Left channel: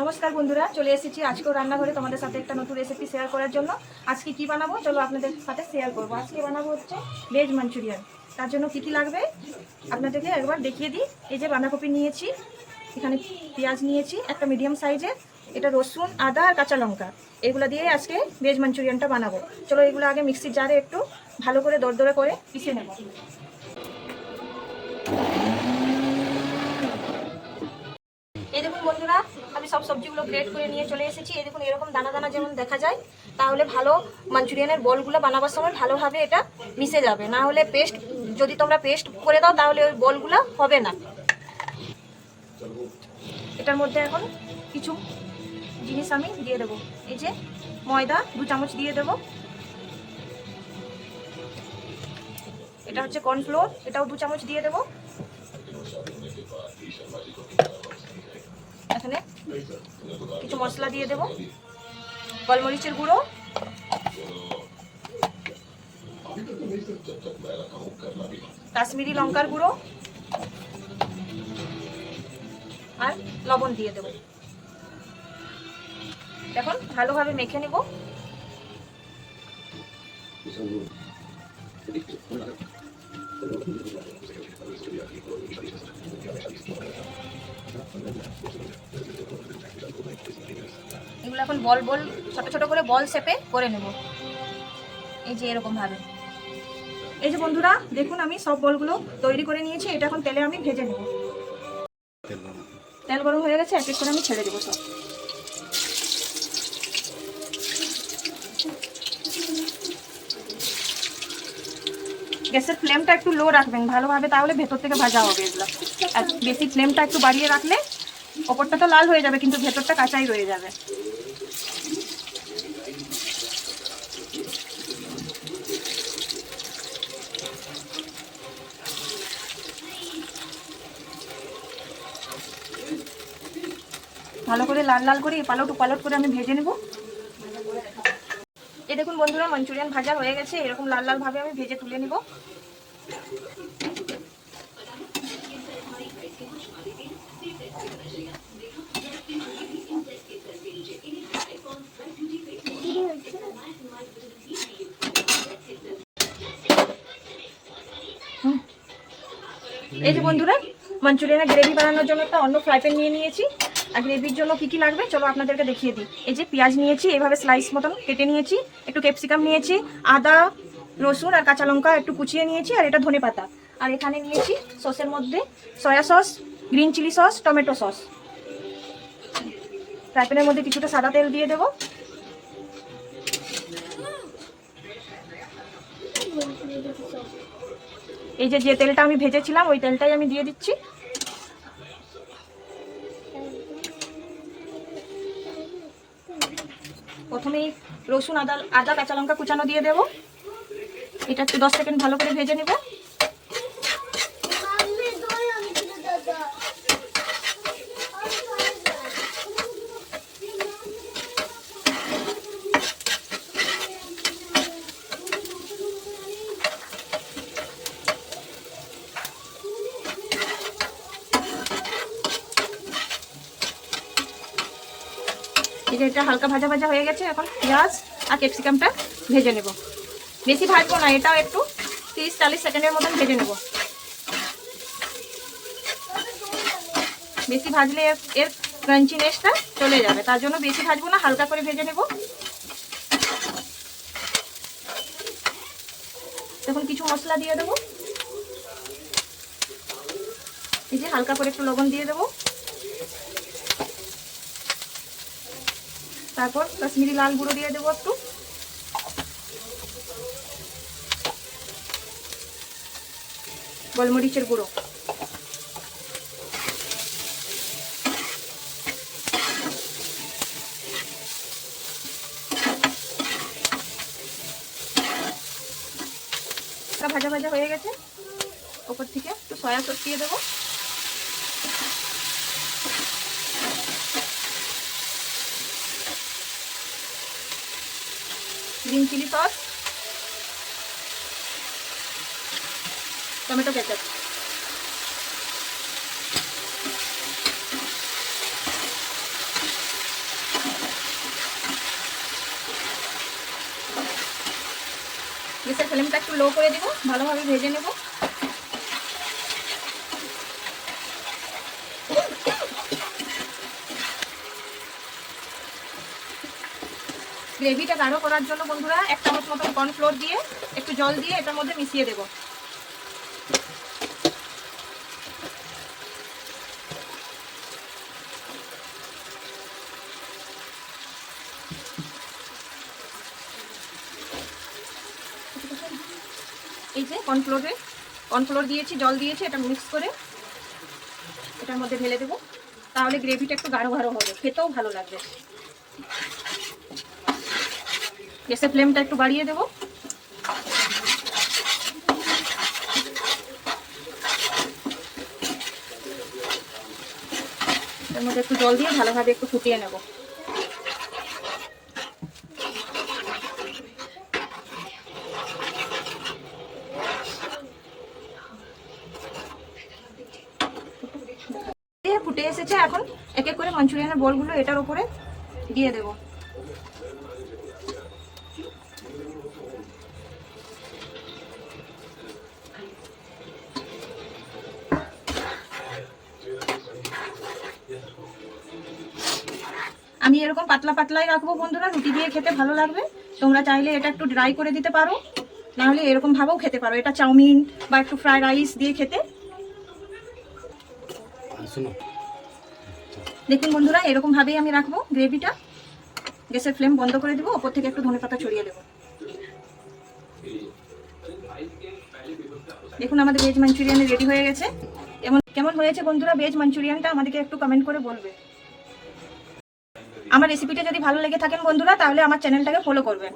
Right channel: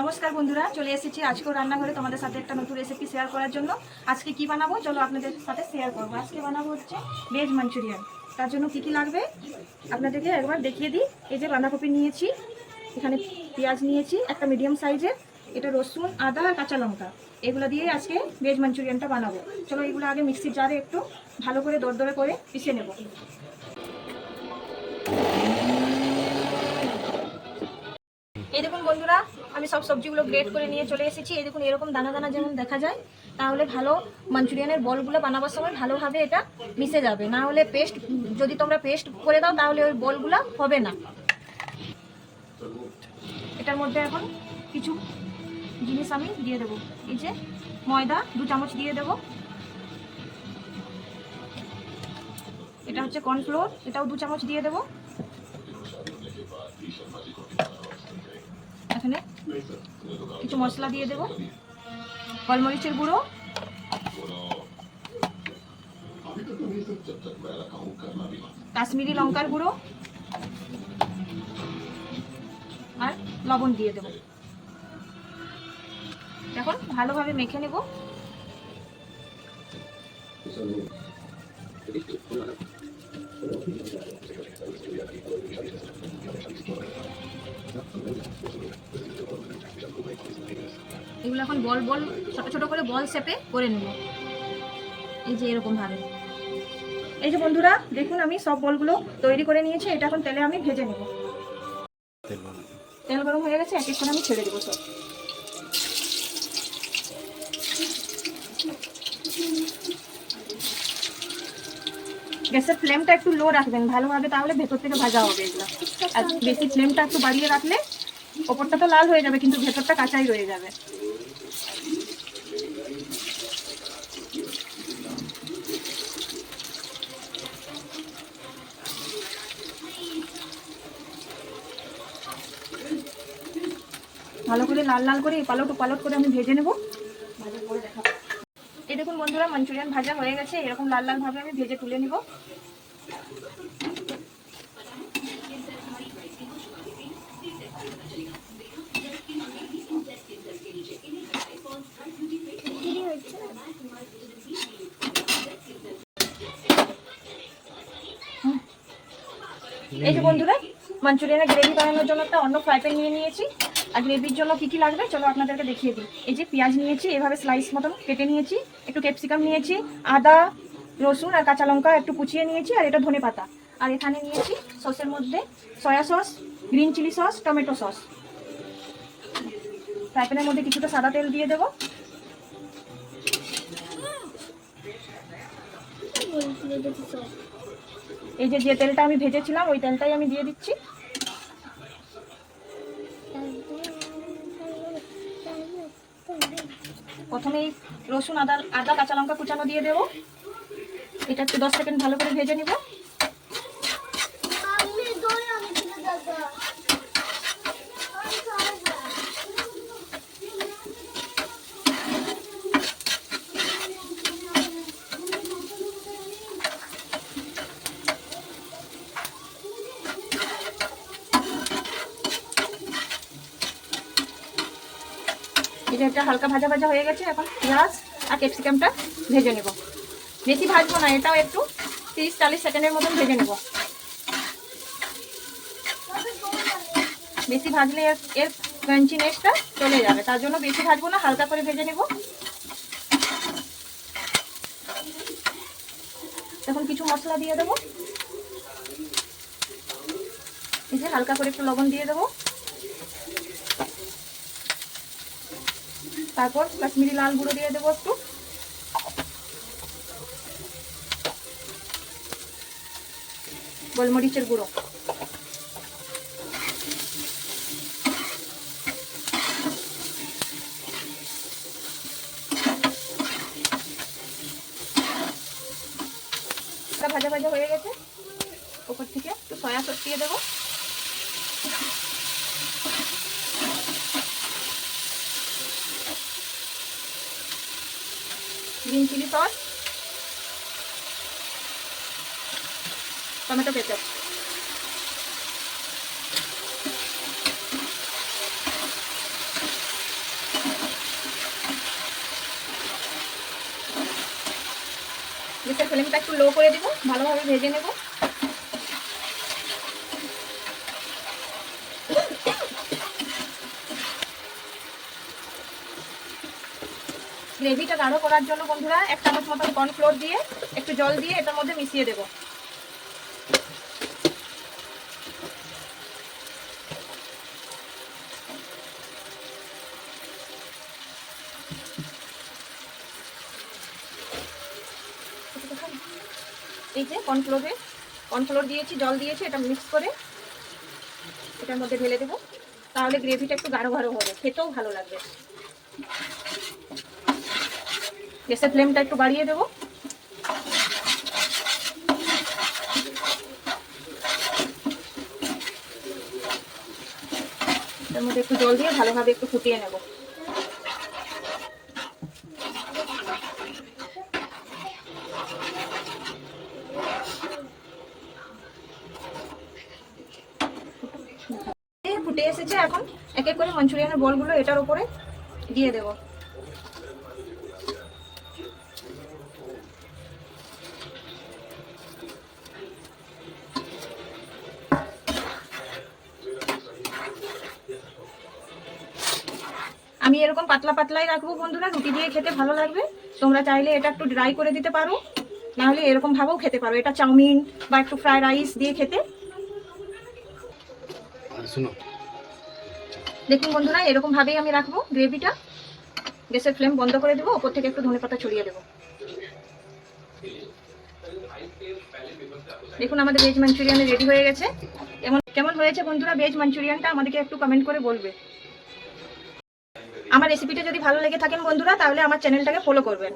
নমস্কার বন্ধুরা, চলে এসেছি আজকেও রান্নাঘরে তোমাদের সাথে একটা নতুন রেসিপি শেয়ার করার জন্য। আজকে কি বানাবো চলো আপনাদের সাথে শেয়ার করব। আজকে বানাবো হচ্ছে ভেজ মাঞ্চুরিয়ান। তার জন্য কি কি লাগবে আপনাদেরকে একবার দেখিয়ে দিই। এই যে বাঁধাকপি নিয়েছি, এখানে পেঁয়াজ নিয়েছি একটা মিডিয়াম সাইজের, এটা রসুন, আদা আর কাঁচা লঙ্কা, এগুলো দিয়ে আজকে ভেজ মাঞ্চুরিয়ানটা বানাবো। চলো এগুলো আগে মিক্সির জারে একটু ভালো করে দরদরে করে পিষে নেব। এই দেখুন বন্ধুরা, আমি সব সবজিগুলো গ্রেড করে নিয়ে চলে এসেছি। এই দেখুন এরকম দানা দানা যেমন দেখা যায়, তাহলে ভালো মাঞ্চুরিয়ানের বলগুলো বানাবার সময় ভালোভাবে এটা মিশে যাবে। না হলে পেস্ট, যদি তোমরা পেস্ট করে দাও তাহলে ওই বলগুলো হবে না। এটার মধ্যে এখন কিছু জিনিস আমি দিয়ে দেবো। এই যে ময়দা 2 চামচ দিয়ে দেবো, এটা হচ্ছে কর্নফ্লোর, এটাও 2 চামচ দিয়ে দেবো। এখানে কিছু মশলা দিয়ে দেবো, গোলমরিচের গুঁড়ো, কাশ্মীরি লঙ্কার গুঁড়ো আর লবণ দিয়ে দেবো। এখন ভালোভাবে মেখে নেব। এগুলো এখন বল বল ছোট ছোট করে বল শেপে করে নেব। এই যে এরকম ভাবে। এই যে বন্ধুরা দেখুন আমি সব বলগুলো তৈরি করে নিয়েছি। এটা এখন তেলে আমি ভেজে নেব। তেল গরম হয়ে গেছে, এক এক করে আমি ছেড়ে দেবো সব। গ্যাসের ফ্লেমটা একটু লো রাখবেন ভালোভাবে, তাহলে ভেতর থেকে ভাজা হবে এগুলো। আর বেশি ফ্লেমটা একটু বাড়িয়ে রাখলে ওপরটা তো লাল হয়ে যাবে কিন্তু ভেতরটা কাঁচাই রয়ে যাবে। ভালো করে লাল লাল করে পালট পালট করে আমি ভেজে নেব। এই দেখুন বন্ধুরা, মাঞ্চুরিয়ান ভাজা হয়ে গেছে। এরকম লাল লাল ভাবে আমি ভেজে তুলে নেব। এই যে বন্ধুরা, মাঞ্চুরিয়ানের গ্রেভি বানানোর জন্য একটা অন্য ফ্রাই প্যান নিয়ে নিয়েছি। আর গ্রেভির জন্য কি কি লাগবে চলো আপনাদেরকে দেখিয়ে দিই। এই যে পেঁয়াজ নিয়েছি, এভাবে স্লাইস মতন কেটে নিয়েছি, একটু ক্যাপসিকাম নিয়েছি, আদা রসুন আর কাঁচা লঙ্কা একটু কুচিয়ে নিয়েছি, আর এটা ধনেপাতা। আর এখানে নিয়েছি সসের মধ্যে soya sauce, green chilli sauce, tomato sauce. Fry প্যানের মধ্যে কিছুটা সাদা তেল দিয়ে দেবো। এই যে তেলটা আমি ভেজেছিলাম ওই তেলটাই আমি দিয়ে দিচ্ছি। প্রথমে রসুন, আদা কাঁচা লঙ্কা কুচানো দিয়ে দেবো। এটা একটু 10 সেকেন্ড ভালো করে ভেজে নেব। এটা হালকা ভাজা ভাজা হয়ে গেছে। এখন পেঁয়াজ আর ক্যাপসিকামটা ভেজে নেব। বেশি ভাজবো না, এটাও একটু 30-40 সেকেন্ডের মতন ভেজে নেব। বেশি ভাজলে এর ক্রাঞ্চিনেসটা চলে যাবে, তার জন্য বেশি ভাজবো না, হালকা করে ভেজে নেব। এখন কিছু মশলা দিয়ে দেবো। এই যে হালকা করে একটু লবণ দিয়ে দেবো। তারপর কাশ্মীরি লাল গুঁড়ো দিয়ে দেবো একটু, গোলমরিচের গুঁড়ো, ভাজা ভাজা হয়ে গেছে। ওপর থেকে একটু সয়া সস দিয়ে দেবো। Green chilli sauce, tomato ketchup. গ্যাসের ফ্লেমটা একটু লো করে দিব, ভালোভাবে ভেজে নেব। গ্রেভিটা গাঢ় করার জন্য বন্ধুরা 1 চামচ মতন কর্নফ্লোর দিয়ে একটু জল দিয়ে এটার মধ্যে মিশিয়ে দেব। এই যে কর্নফ্লোর দিয়েছি, জল দিয়েছি, এটা মিক্স করে এটার মধ্যে ঢেলে দেবো। তাহলে গ্রেভিটা একটু গাঢ় গাঢ় হবে, খেতেও ভালো লাগবে। গ্যাসের ফ্লেমটা একটু বাড়িয়ে দেবো। এর মধ্যে একটু জল দিয়ে ভালোভাবে একটু ফুটিয়ে নেব। ফুটে এসেছে, এখন এক এক করে মাঞ্চুরিয়ানের বলগুলো এটার উপরে দিয়ে দেব। আমি এরকম পাতলা পাতলাই রাখবো বন্ধুরা, রুটি দিয়ে খেতে ভালো লাগবে। তোমরা চাইলে এটা একটু ড্রাই করে দিতে পারো, নাহলে এরকম ভাবেও খেতে পারো। এটা চাউমিন বা একটু ফ্রাইড রাইস দিয়ে খেতে। দেখুন বন্ধুরা, এরকম ভাবেই আমি রাখবো গ্রেভিটা। গ্যাসের ফ্লেম বন্ধ করে দেবো, ওপর থেকে একটু ধনেপাতা ছড়িয়ে দেবো। দেখুন আমাদের ভেজ মাঞ্চুরিয়ান রেডি হয়ে গেছে। কেমন হয়েছে বন্ধুরা ভেজ মাঞ্চুরিয়ানটা, আমাদেরকে একটু কমেন্ট করে বলবে। আমার রেসিপিটা যদি ভালো লেগে থাকেন বন্ধুরা, তাহলে আমার চ্যানেলটাকে ফলো করবেন।